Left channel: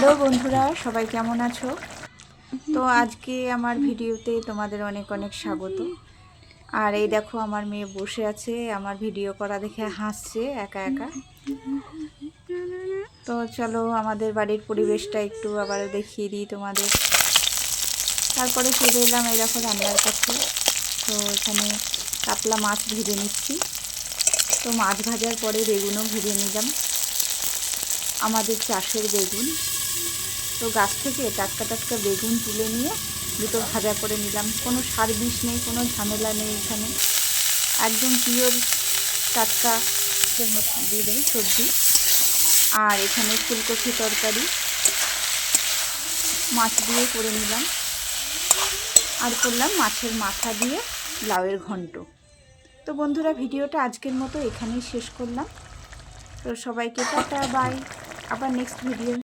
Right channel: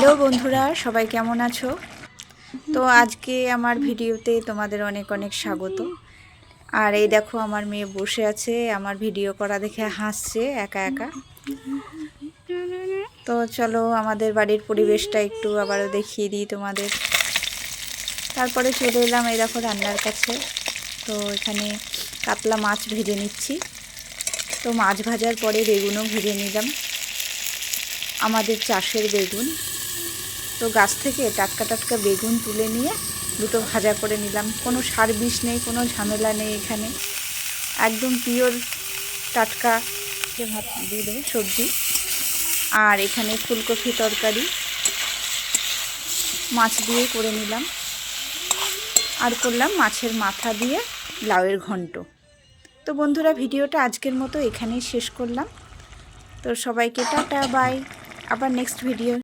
Hello বন্ধুরা, সবাই কেমন আছো? তো আজকে আমার ভিডিওতে তোমাদের অনেক অনেক স্বাগত। আর এই দেখো আমার মেয়ে বসে আছে, আমার ভিডিও করা দেখে হাসছে একা একা। তো চলো আমাদের বাড়ির পরিবেশটা একটু আবার দেখিয়ে দিই তোমাদের। তারপরে চলে এলাম এই দেখো রান্নার কাছে। তো এখানে কাতলা মাছ ভেজে নিচ্ছি। তো মাছ ভাজার পরে বেগুনও ভেজে নিলাম, আমাদের চাষের বেগুন। তো গাছ থেকে টাটকা টাটকা বেগুন তুলে নিয়ে দুটো ভাজা করে নিলাম। কোনো সার বিষ নেই, কোনো ঝামেলা নেই এখানে, একদম পিওর টাটকা দিয়ে দেবো সবজি। আর এখানে ফুলকপি তরকারি মাছ দিয়ে করে নিলাম, আর করলাম মাছের মাথা দিয়ে লাউয়ের ঘন্ট। তো বন্ধুরা, ভিডিওটা আজকের মতো এখানেই শেষ করলাম। তো সবাইকে টাটা বাই, আবার নেক্সট ভিডিও।